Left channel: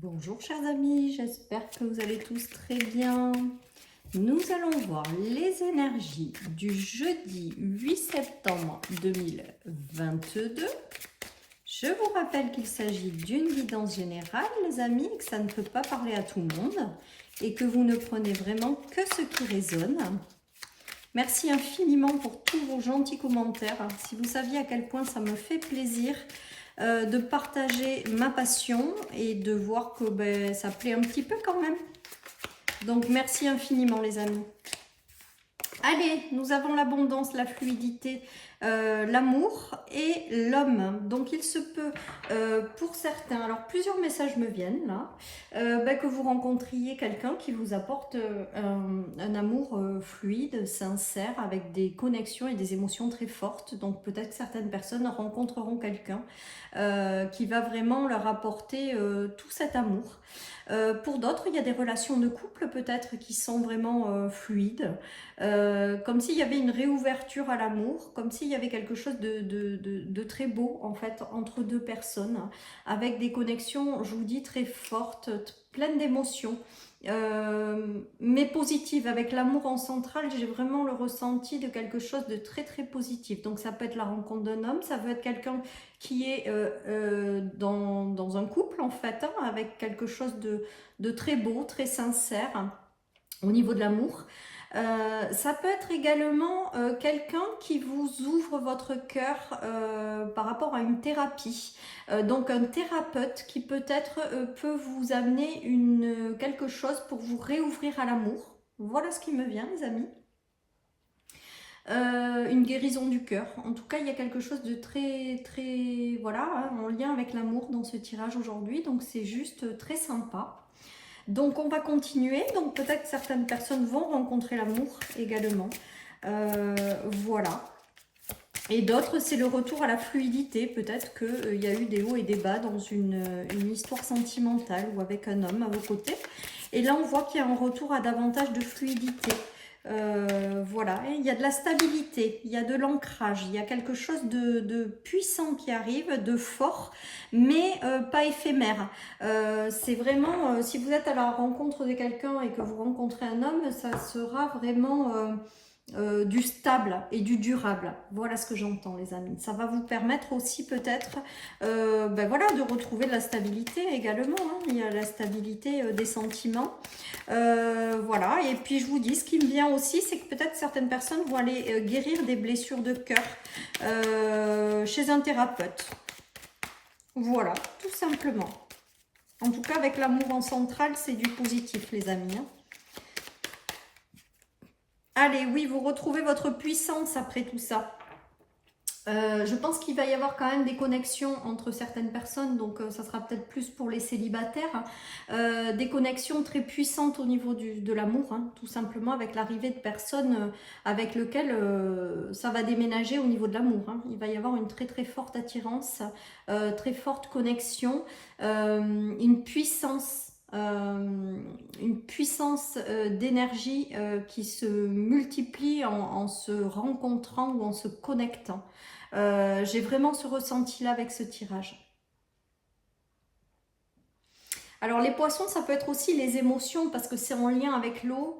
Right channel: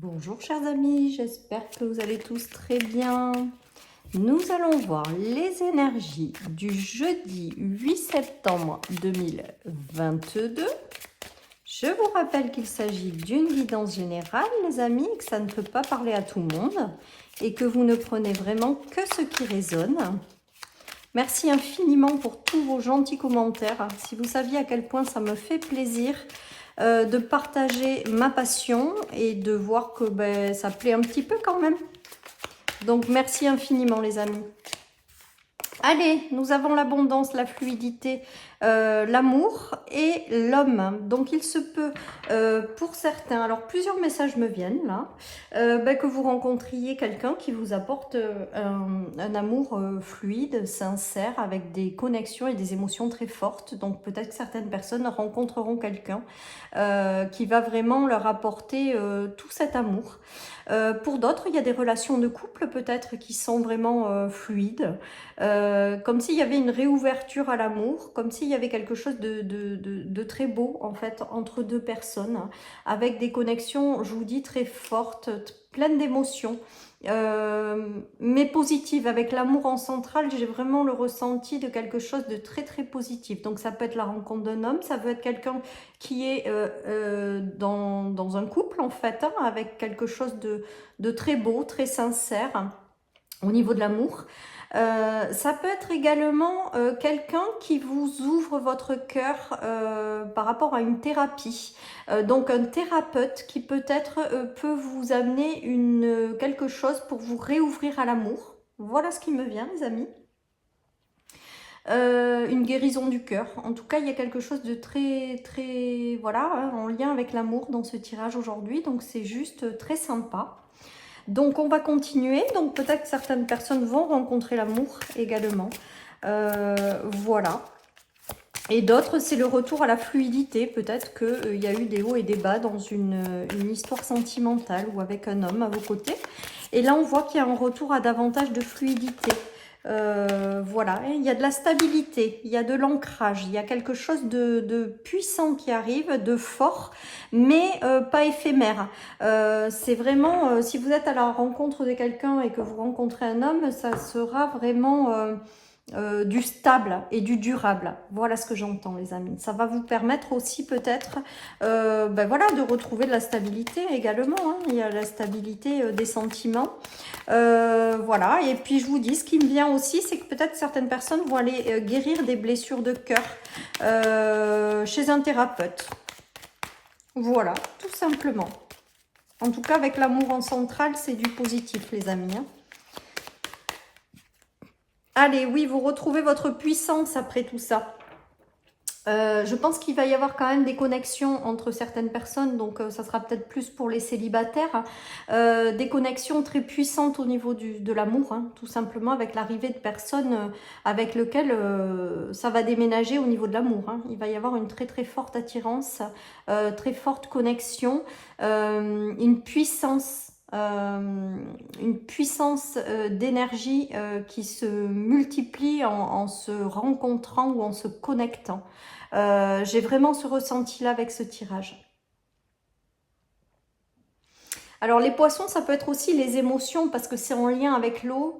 Bonjour chers amis, j'espère que vous allez tous très bien. Nous allons voir les énergies du jeudi 8 septembre 2022. Je vous rappelle qu'il s'agit d'une guidance générale, les amis, que ça ne peut pas parler à tout le monde et que vous ne prenez vraiment que ce qui résonne. Merci infiniment pour tous vos gentils commentaires. Si vous saviez à quel point ça me fait plaisir de partager ma passion et de voir que ça plaît un petit peu quand même. Donc merci infiniment les amis. Allez, nous avons l'abondance, la fluidité, l'amour et l'homme. Donc il se peut, pour certains, alors plusieurs messages me viennent là, que vous rencontriez quelqu'un qui vous apporte un amour fluide, sincère, avec des connexions et des émotions très fortes. Donc peut-être que certaines personnes rencontreront quelqu'un qui va vraiment leur apporter tout cet amour. Pour d'autres, il y a des relations de couple peut-être qui sont vraiment fluides. Comme s'il y avait une réouverture à l'amour, comme s'il y avait quelque chose de très beau en fait entre deux personnes, avec des connexions, je vous dis, très fortes, pleines d'émotions, mais positives. Avec l'amour en centrale, j'ai vraiment le ressenti de quelque chose de très très positif. Donc ça peut être la rencontre d'un homme, ça peut être quelqu'un qui est dans un couple en fait, hein, avec quelque chose de très beau, très sincère au niveau de l'amour. Ça peut être également quelqu'un qui vous ouvre votre cœur par rapport à une thérapie. Donc un thérapeute qui peut-être peut vous amener quelque chose pour vous réouvrir à l'amour. Voilà ce qui me vient les amis. Une guérison du cœur. En tout cas, il y a quelque chose de très, très, voilà, hein, en lien avec l'amour dans ce tirage aujourd'hui. Donc c'est juste très sympa. Donc on va continuer, donc peut-être que certaines personnes vont rencontrer l'amour également, voilà. Et d'autres, c'est le retour à la fluidité, peut-être qu'il y a eu des hauts et des bas dans une histoire sentimentale ou avec un homme à vos côtés. Et là on voit qu'il y a un retour à davantage de fluidité. Voilà, il y a de la stabilité, il y a de l'ancrage, il y a quelque chose de puissant qui arrive, de fort, mais pas éphémère. C'est vraiment, si vous êtes à la rencontre de quelqu'un et que vous rencontrez un homme, ça sera vraiment du stable et du durable. Voilà ce que j'entends les amis. Ça va vous permettre aussi peut-être voilà, de retrouver de la stabilité également, hein. Il y a la stabilité des sentiments. Voilà, et puis je vous dis, ce qui me vient aussi, c'est que peut-être certaines personnes vont aller guérir des blessures de cœur chez un thérapeute. Voilà, tout simplement. En tout cas, avec l'amour en centrale, c'est du positif, les amis, hein. Allez, oui, vous retrouvez votre puissance après tout ça. Je pense qu'il va y avoir quand même des connexions entre certaines personnes, donc ça sera peut-être plus pour les célibataires, des connexions très puissantes au niveau de l'amour, hein, tout simplement avec l'arrivée de personnes avec lesquelles ça va déménager au niveau de l'amour, hein. Il va y avoir une très très forte attirance, très forte connexion, une puissance d'énergie qui se multiplie en se rencontrant ou en se connectant. J'ai vraiment ce ressenti-là avec ce tirage. Alors les poissons, ça peut être aussi les émotions parce que c'est en lien avec l'eau.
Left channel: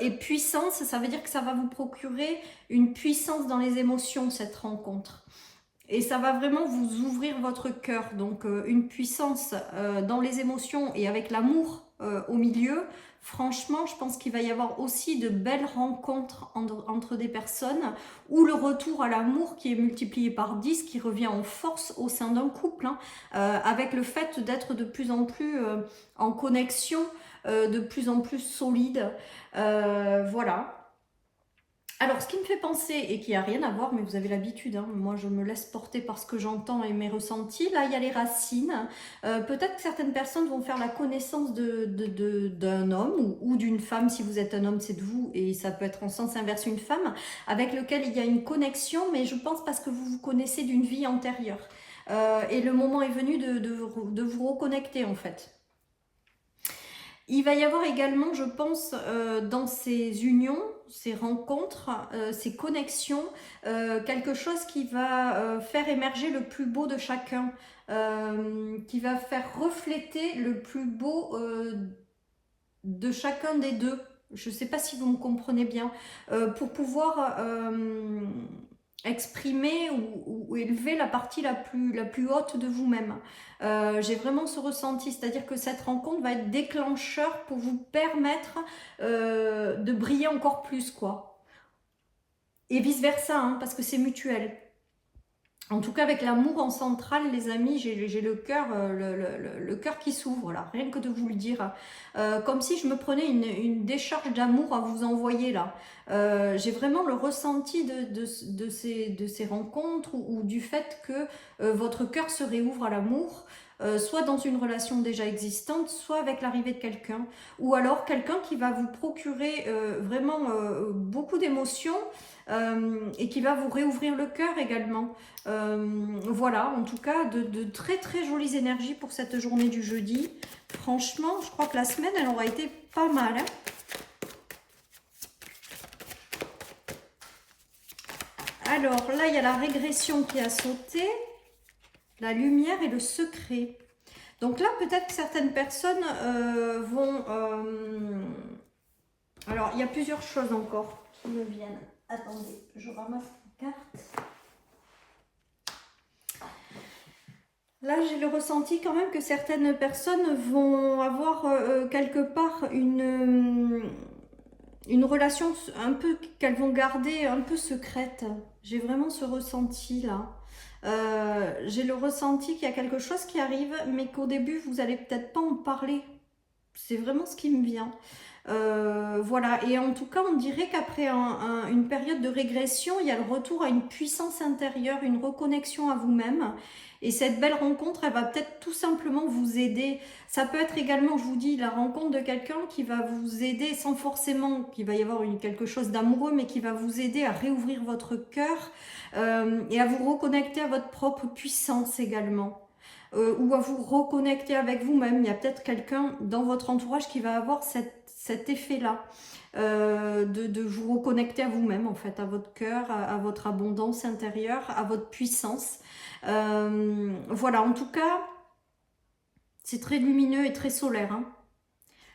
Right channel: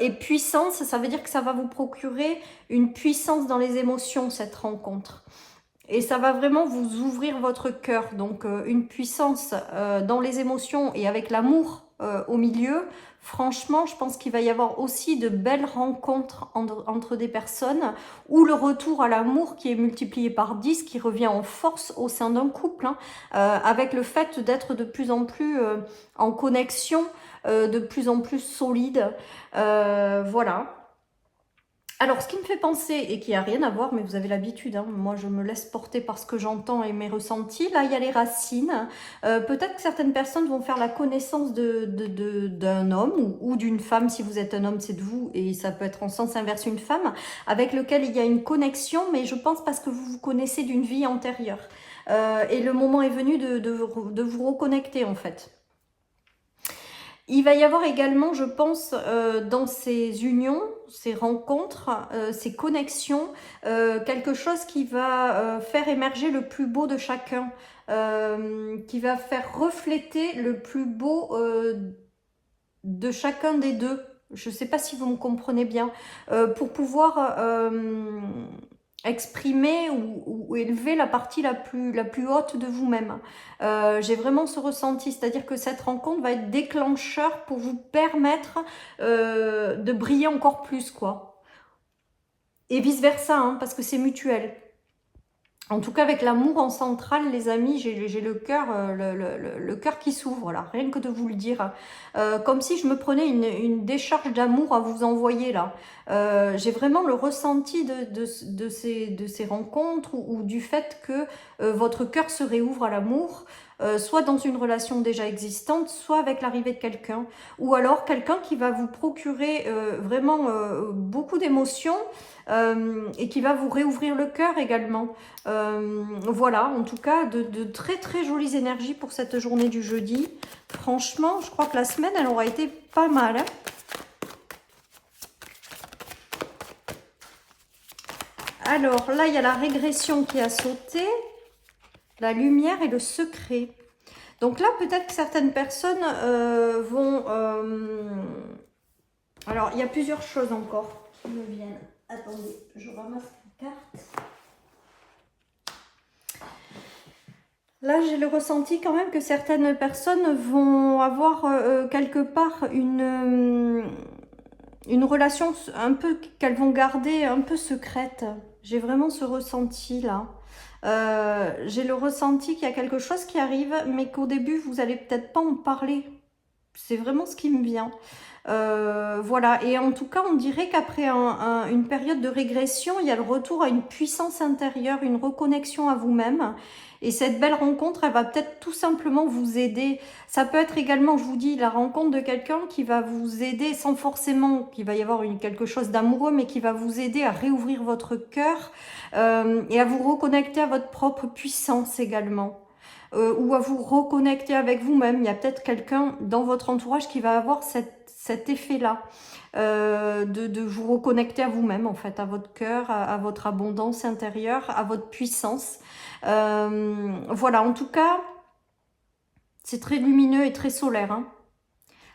Et puissance, ça veut dire que ça va vous procurer une puissance dans les émotions, cette rencontre. Et ça va vraiment vous ouvrir votre cœur. Donc une puissance dans les émotions et avec l'amour au milieu. Franchement, je pense qu'il va y avoir aussi de belles rencontres entre des personnes ou le retour à l'amour qui est multiplié par 10, qui revient en force au sein d'un couple, hein, avec le fait d'être de plus en plus en connexion, de plus en plus solide. Voilà. Alors, ce qui me fait penser, et qui n'a rien à voir, mais vous avez l'habitude, hein, moi je me laisse porter par ce que j'entends et mes ressentis, là il y a les racines. Peut-être que certaines personnes vont faire la connaissance d'un homme ou d'une femme, si vous êtes un homme c'est de vous, et ça peut être en sens inverse une femme, avec lequel il y a une connexion, mais je pense parce que vous vous connaissez d'une vie antérieure. Et le moment est venu de vous reconnecter en fait. Il va y avoir également, je pense, dans ces unions, ces rencontres, ces connexions, quelque chose qui va faire émerger le plus beau de chacun, qui va faire refléter le plus beau de chacun des deux. Je ne sais pas si vous me comprenez bien. Pour pouvoir exprimer ou élever la partie la plus haute de vous-même. J'ai vraiment ce ressenti, c'est-à-dire que cette rencontre va être déclencheur pour vous permettre de briller encore plus, quoi. Et vice-versa, hein, parce que c'est mutuel. En tout cas, avec l'amour en centrale, les amis, j'ai le cœur qui s'ouvre, là, rien que de vous le dire. Comme si je me prenais une décharge d'amour à vous envoyer, là. J'ai vraiment le ressenti de ces rencontres ou du fait que votre cœur se réouvre à l'amour, soit dans une relation déjà existante, soit avec l'arrivée de quelqu'un. Ou alors quelqu'un qui va vous procurer vraiment beaucoup d'émotions, et qui va vous réouvrir le cœur également. Voilà, en tout cas, de très très jolies énergies pour cette journée du jeudi. Franchement, je crois que la semaine, elle aura été pas mal. Hein. Alors là, il y a la régression qui a sauté, la lumière et le secret. Donc là, peut-être que certaines personnes vont... Alors, il y a plusieurs choses encore qui me viennent. Attendez, je ramasse la carte. Là, j'ai le ressenti quand même que certaines personnes vont avoir quelque part une relation un peu qu'elles vont garder un peu secrète. J'ai vraiment ce ressenti là. J'ai le ressenti qu'il y a quelque chose qui arrive, mais qu'au début, vous n'allez peut-être pas en parler. C'est vraiment ce qui me vient. Voilà, et en tout cas on dirait qu'après une période de régression, il y a le retour à une puissance intérieure, une reconnexion à vous-même, et cette belle rencontre, elle va peut-être tout simplement vous aider. Ça peut être également, je vous dis, la rencontre de quelqu'un qui va vous aider sans forcément qu'il va y avoir quelque chose d'amoureux, mais qui va vous aider à réouvrir votre cœur et à vous reconnecter à votre propre puissance également. Ou à vous reconnecter avec vous-même. Il y a peut-être quelqu'un dans votre entourage qui va avoir cet effet-là, de vous reconnecter à vous-même, en fait, à votre cœur, à votre abondance intérieure, à votre puissance. Voilà, en tout cas, c'est très lumineux et très solaire. Hein.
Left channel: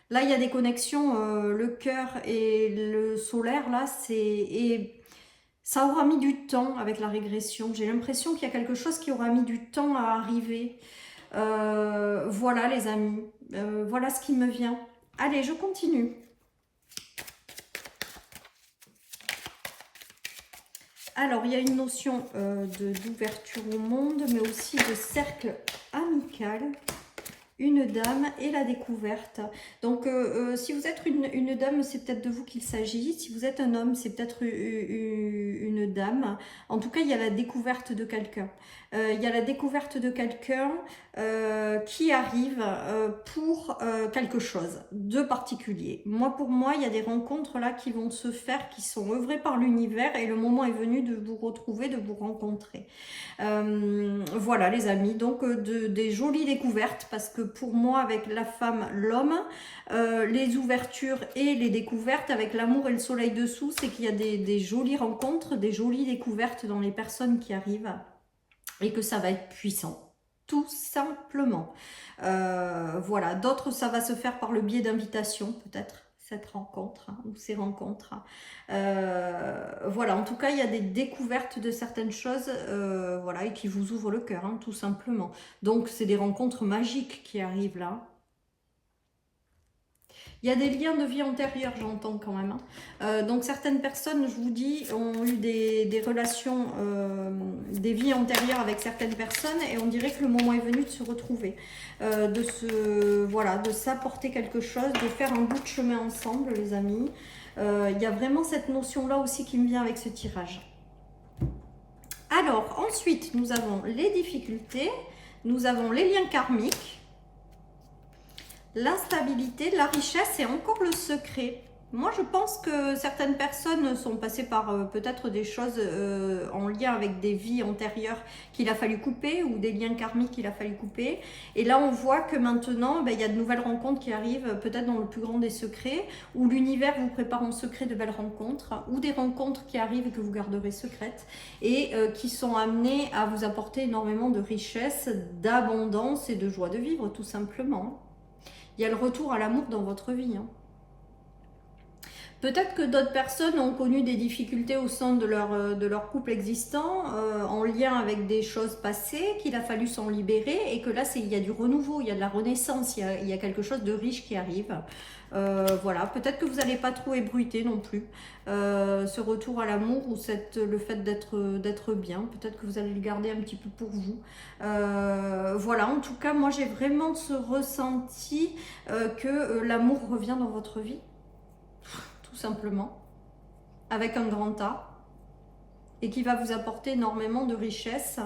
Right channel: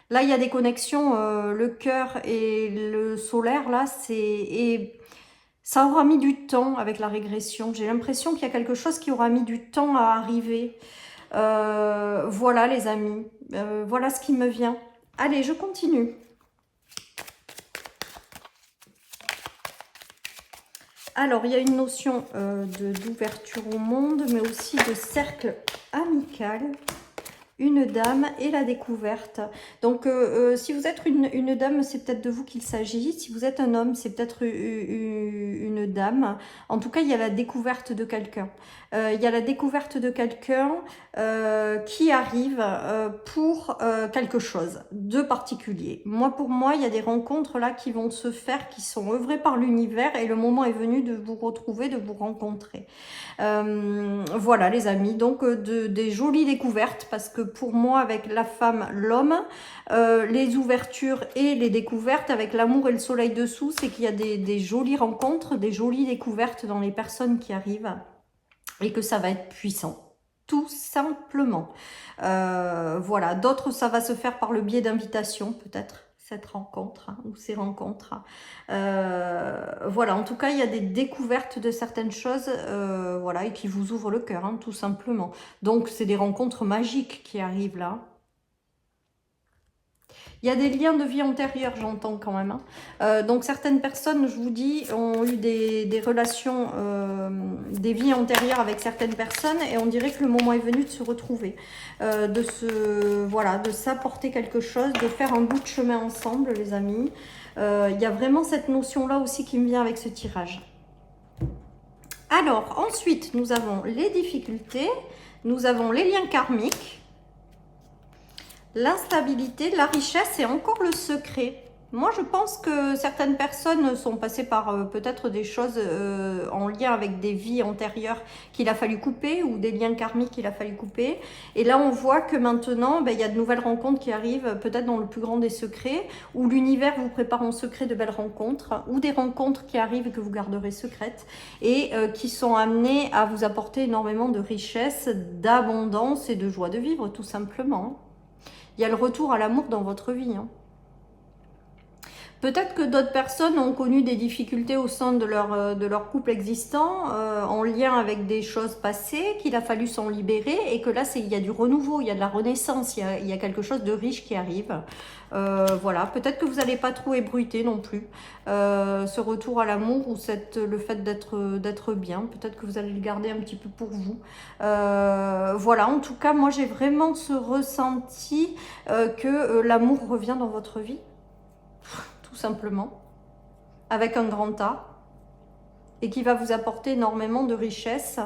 Là, il y a des connexions, le cœur et le solaire, là, ça aura mis du temps avec la régression. J'ai l'impression qu'il y a quelque chose qui aura mis du temps à arriver. Voilà, les amis, voilà ce qui me vient. Allez, je continue. Alors, il y a une notion d'ouverture au monde, mais aussi de cercle amical, une dame et la découverte. Donc, si vous êtes une dame, c'est peut-être de vous qu'il s'agit. Si vous êtes un homme, c'est peut-être une dame. En tout cas, il y a la découverte de quelqu'un. Il y a la découverte de quelqu'un qui arrive pour quelque chose de particulier. Pour moi, il y a des rencontres là qui vont se faire, qui sont œuvrées par l'univers, et le moment est venu de vous retrouver, de vous rencontrer. Voilà les amis, donc des jolies découvertes, parce que pour moi, avec la femme, l'homme, les ouvertures et les découvertes, avec l'amour et le soleil dessous, c'est qu'il y a des jolies rencontres, des jolies découvertes dans les personnes qui arrivent, et que ça va être puissant, tout simplement. Voilà, d'autres, ça va se faire par le biais d'invitations, peut-être, cette rencontre, hein, ou ces rencontres. Voilà, en tout cas, il y a des découvertes de certaines choses, voilà, et qui vous ouvrent le cœur, hein, tout simplement. Donc, c'est des rencontres magiques qui arrivent là. Il y a des liens de vie antérieure, j'entends quand même. Hein. Donc, certaines personnes, je vous dis, ont eu des relations, des vies antérieures avec certaines personnes, et on dirait que le moment est venu de se retrouver, voilà, de s'apporter quelque chose, de faire un bout de chemin ensemble, les amis. Il y a vraiment cette notion-là aussi qui me vient avec ce tirage. Alors, ensuite, nous avons les difficultés, nous avons les liens karmiques, l'instabilité, la richesse et encore le secret. Moi, je pense que certaines personnes sont passées par peut-être des choses en lien avec des vies antérieures qu'il a fallu couper ou des liens karmiques qu'il a fallu couper. Et là, on voit que maintenant, ben, il y a de nouvelles rencontres qui arrivent, peut-être dans le plus grand des secrets, où l'univers vous prépare en secret de belles rencontres, ou des rencontres qui arrivent et que vous garderez secrètes, et qui sont amenées à vous apporter énormément de richesse, d'abondance et de joie de vivre, tout simplement. Il y a le retour à l'amour dans votre vie, hein. Peut-être que d'autres personnes ont connu des difficultés au sein de leur couple existant, en lien avec des choses passées, qu'il a fallu s'en libérer, et que là, il y a du renouveau, il y a de la renaissance, il y a quelque chose de riche qui arrive. Voilà, peut-être que vous n'allez pas trop ébruiter non plus ce retour à l'amour ou le fait d'être bien. Peut-être que vous allez le garder un petit peu pour vous. Voilà, en tout cas, moi, j'ai vraiment ce ressenti que l'amour revient dans votre vie. Tout simplement, avec un grand A, et qui va vous apporter énormément de richesse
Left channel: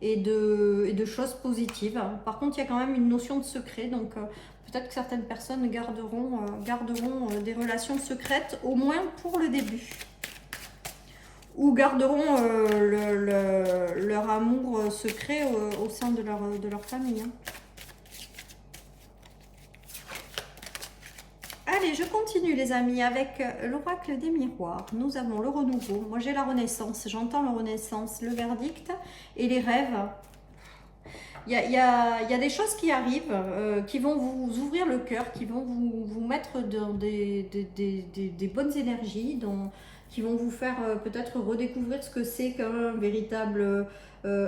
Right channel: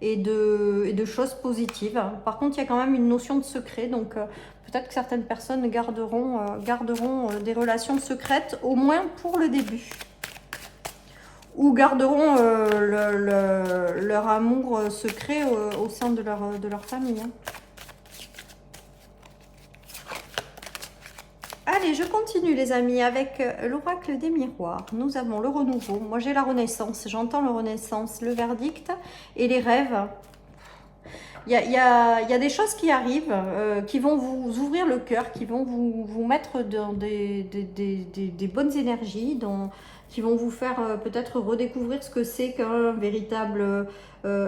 et de choses positives. Par contre, il y a quand même une notion de secret, donc peut-être que certaines personnes garderont des relations secrètes, au moins pour le début, ou garderont leur amour secret au sein de leur famille. Allez, je continue les amis avec l'oracle des miroirs. Nous avons le renouveau. Moi j'ai la renaissance, j'entends la renaissance, le verdict et les rêves. Il y a des choses qui arrivent, qui vont vous ouvrir le cœur, qui vont vous mettre dans des bonnes énergies, qui vont vous faire peut-être redécouvrir ce que c'est qu'un véritable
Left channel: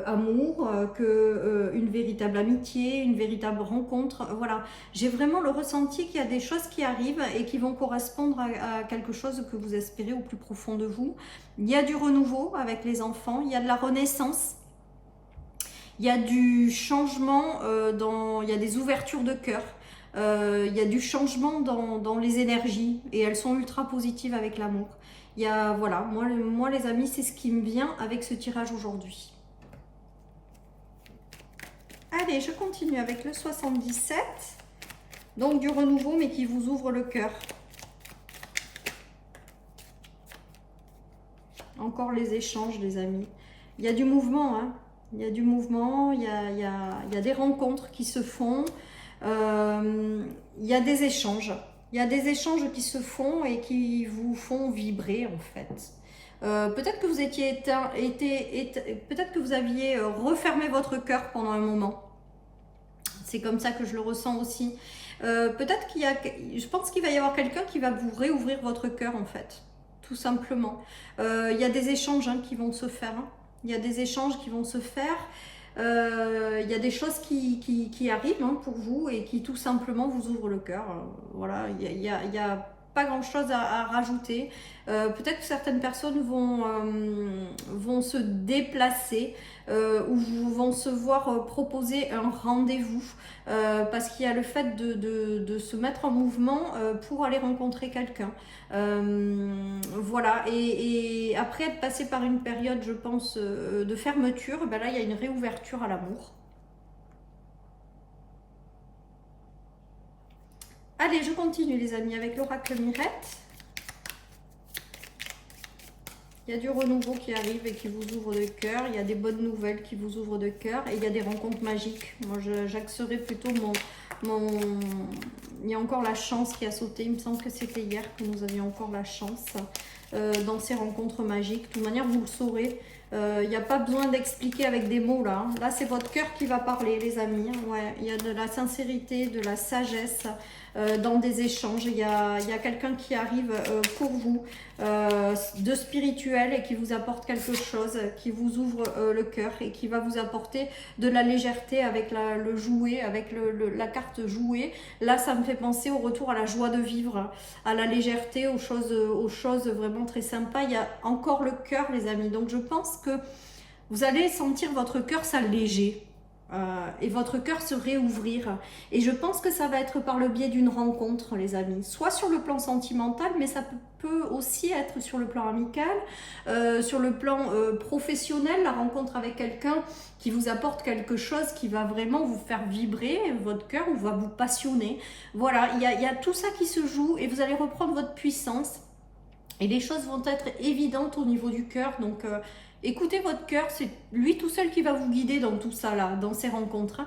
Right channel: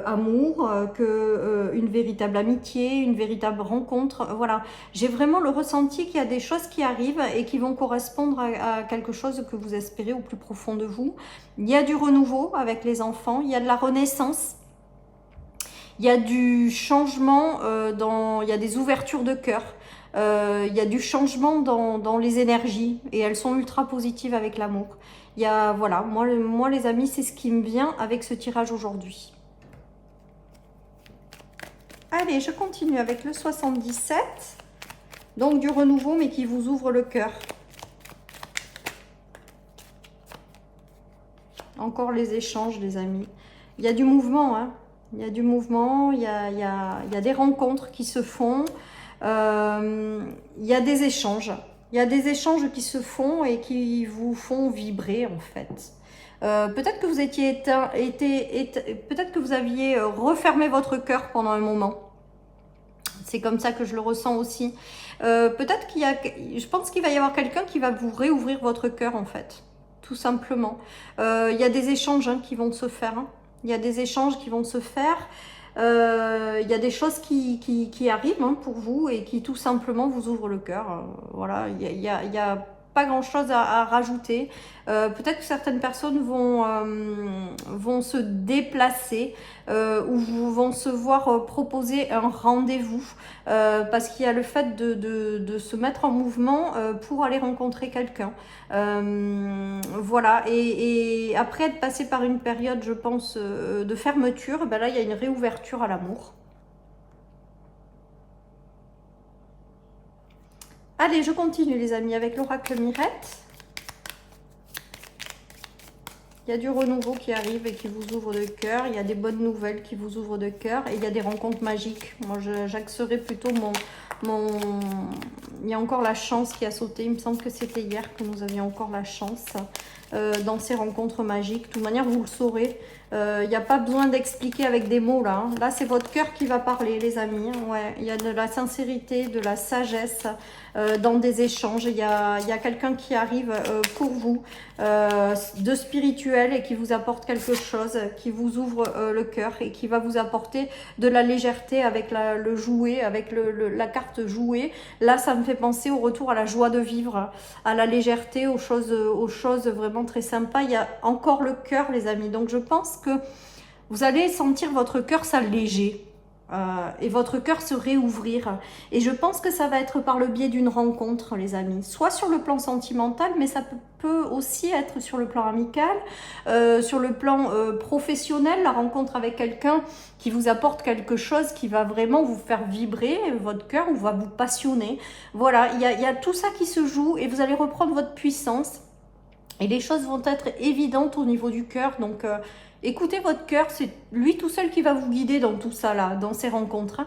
amour, une véritable amitié, une véritable rencontre. Voilà, j'ai vraiment le ressenti qu'il y a des choses qui arrivent et qui vont correspondre à quelque chose que vous espérez au plus profond de vous. Il y a du renouveau avec les enfants, il y a de la renaissance. Il y a du changement, il y a des ouvertures de cœur, il y a du changement dans les énergies et elles sont ultra positives avec l'amour. Voilà, moi les amis, c'est ce qui me vient avec ce tirage aujourd'hui. Allez, je continue avec le 77, donc du renouveau mais qui vous ouvre le cœur. Encore les échanges les amis, il y a du mouvement, hein. Il y a du mouvement, il y a des rencontres qui se font, il y a des échanges. Il y a des échanges qui se font et qui vous font vibrer en fait. Peut-être que vous peut-être que vous aviez refermé votre cœur pendant un moment. C'est comme ça que je le ressens aussi. Peut-être je pense qu'il va y avoir quelqu'un qui va vous réouvrir votre cœur en fait, tout simplement. Il y a des échanges qui vont se faire. Il y a des échanges qui vont se faire, il y a des choses qui arrivent pour vous et qui tout simplement vous ouvrent le cœur. Voilà, il y a pas grand chose à rajouter. Peut-être que certaines personnes vont se déplacer ou vont se voir proposer un rendez-vous parce qu'il y a le fait de se mettre en mouvement pour aller rencontrer quelqu'un. Voilà, et après être passé par une période, je pense, de fermeture, ben là il y a une réouverture à l'amour. Allez, je continue les amis avec l'oracle Mirette. Il y a du renouveau qui arrive et qui vous ouvre le cœur. Il y a des bonnes nouvelles qui vous ouvrent le cœur. Et il y a des rencontres magiques. Moi, j'axerai plutôt Il y a encore la chance qui a sauté. Il me semble que c'était hier que nous avions encore la chance dans ces rencontres magiques. De toute manière, vous le saurez. Il n'y a pas besoin d'expliquer avec des mots là. Là, c'est votre cœur qui va parler, les amis. Ouais, il y a de la sincérité, de la sagesse dans des échanges. Il y a quelqu'un qui arrive pour vous de spirituel et qui vous apporte quelque chose, qui vous ouvre le cœur et qui va vous apporter de la légèreté avec le jouet, avec la carte jouet. Là, ça me fait penser au retour à la joie de vivre, à la légèreté, aux choses vraiment très sympas. Il y a encore le cœur, les amis. Donc, je pense que vous allez sentir votre cœur s'alléger. et votre cœur se réouvrir. Et je pense que ça va être par le biais d'une rencontre, les amis. Soit sur le plan sentimental, mais ça peut aussi être sur le plan amical, sur le plan professionnel, la rencontre avec quelqu'un qui vous apporte quelque chose qui va vraiment vous faire vibrer votre cœur ou va vous passionner. Voilà, il y a tout ça qui se joue et vous allez reprendre votre puissance. Et les choses vont être évidentes au niveau du cœur, donc écoutez votre cœur, c'est lui tout seul qui va vous guider dans tout ça, là, dans ces rencontres.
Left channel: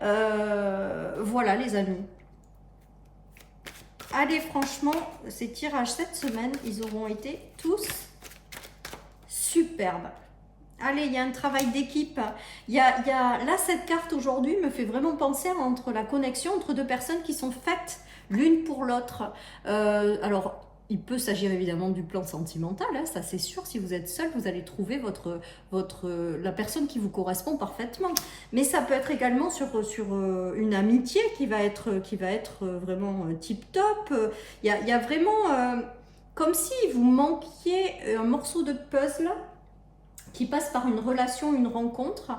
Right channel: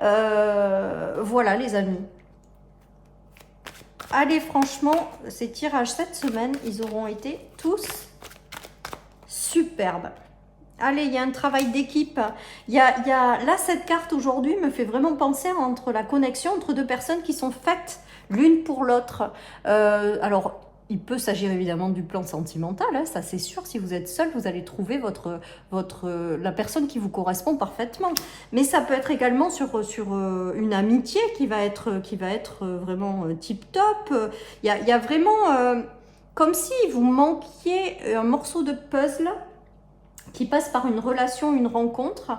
Voilà les amis. Allez, franchement, ces tirages cette semaine, ils auront été tous superbes. Allez, il y a un travail d'équipe. Là, cette carte aujourd'hui me fait vraiment penser entre la connexion entre deux personnes qui sont faites l'une pour l'autre. Alors, il peut s'agir évidemment du plan sentimental, hein, ça c'est sûr. Si vous êtes seul, vous allez trouver la personne qui vous correspond parfaitement. Mais ça peut être également sur une amitié qui va être vraiment tip top. Il y a vraiment comme si vous manquiez un morceau de puzzle qui passe par une relation, une rencontre,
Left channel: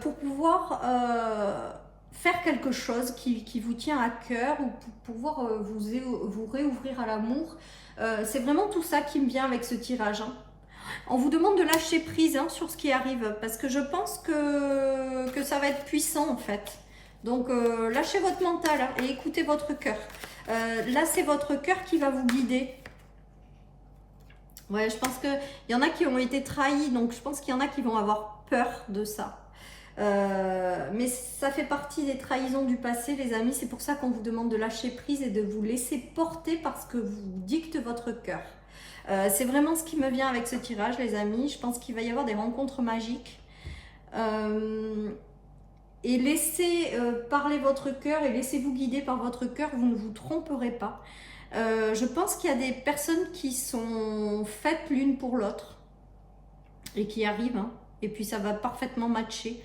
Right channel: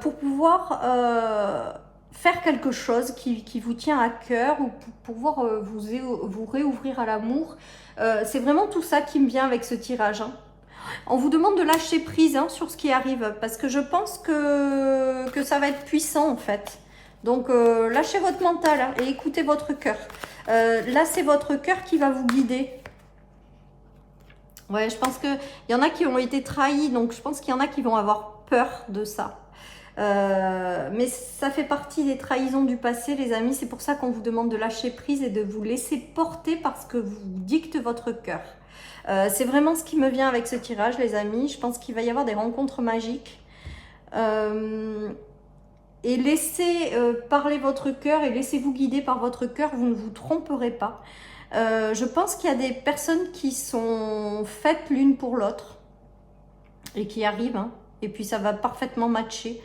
pour pouvoir faire quelque chose qui vous tient à cœur ou pour pouvoir vous réouvrir à l'amour. C'est vraiment tout ça qui me vient avec ce tirage. Hein. On vous demande de lâcher prise sur ce qui arrive parce que je pense que ça va être puissant en fait. Donc lâchez votre mental et écoutez votre cœur. Là, c'est votre cœur qui va vous guider. Ouais, je pense qu'il y en a qui ont été trahis, donc je pense qu'il y en a qui vont avoir peur de ça. Mais ça fait partie des trahisons du passé, les amis. C'est pour ça qu'on vous demande de lâcher prise et de vous laisser porter parce que vous dicte votre cœur. C'est vraiment ce qui me vient avec ce tirage, les amis. Je pense qu'il va y avoir des rencontres magiques. Et laissez parler votre cœur et laissez-vous guider par votre cœur. Vous ne vous tromperez pas. Je pense qu'il y a des personnes qui sont faites l'une pour l'autre et qui arrivent, hein, et puis ça va parfaitement matcher.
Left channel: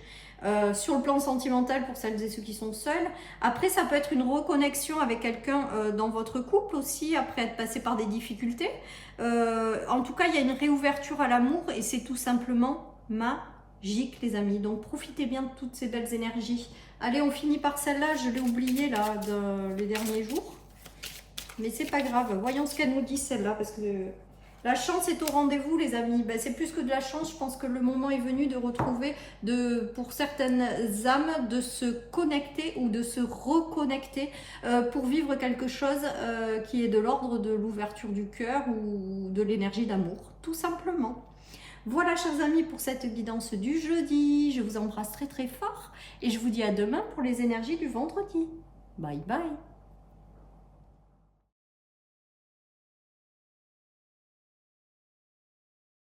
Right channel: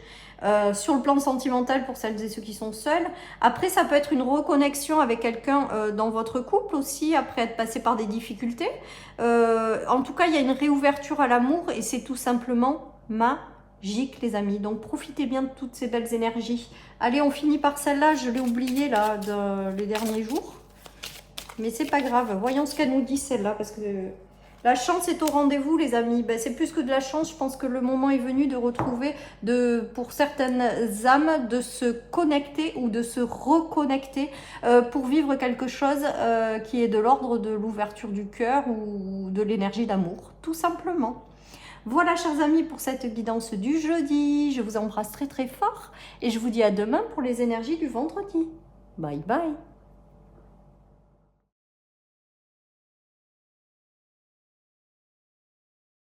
Sur le plan sentimental pour celles et ceux qui sont seuls. Après, ça peut être une reconnexion avec quelqu'un dans votre couple aussi, après être passé par des difficultés. En tout cas, il y a une réouverture à l'amour et c'est tout simplement magique, les amis. Donc, profitez bien de toutes ces belles énergies. Allez, on finit par celle-là. Je l'ai oubliée là, les derniers jours. Mais c'est pas grave, voyons ce qu'elle nous dit celle-là, parce que la chance est au rendez-vous, les amis. Ben, c'est plus que de la chance, je pense que le moment est venu de retrouver, pour certaines âmes, de se connecter ou de se reconnecter pour vivre quelque chose qui est de l'ordre de l'ouverture du cœur ou de l'énergie d'amour, tout simplement. Voilà, chers amis, pour cette guidance du jeudi. Je vous embrasse très très fort et je vous dis à demain pour les énergies du vendredi. Bye bye.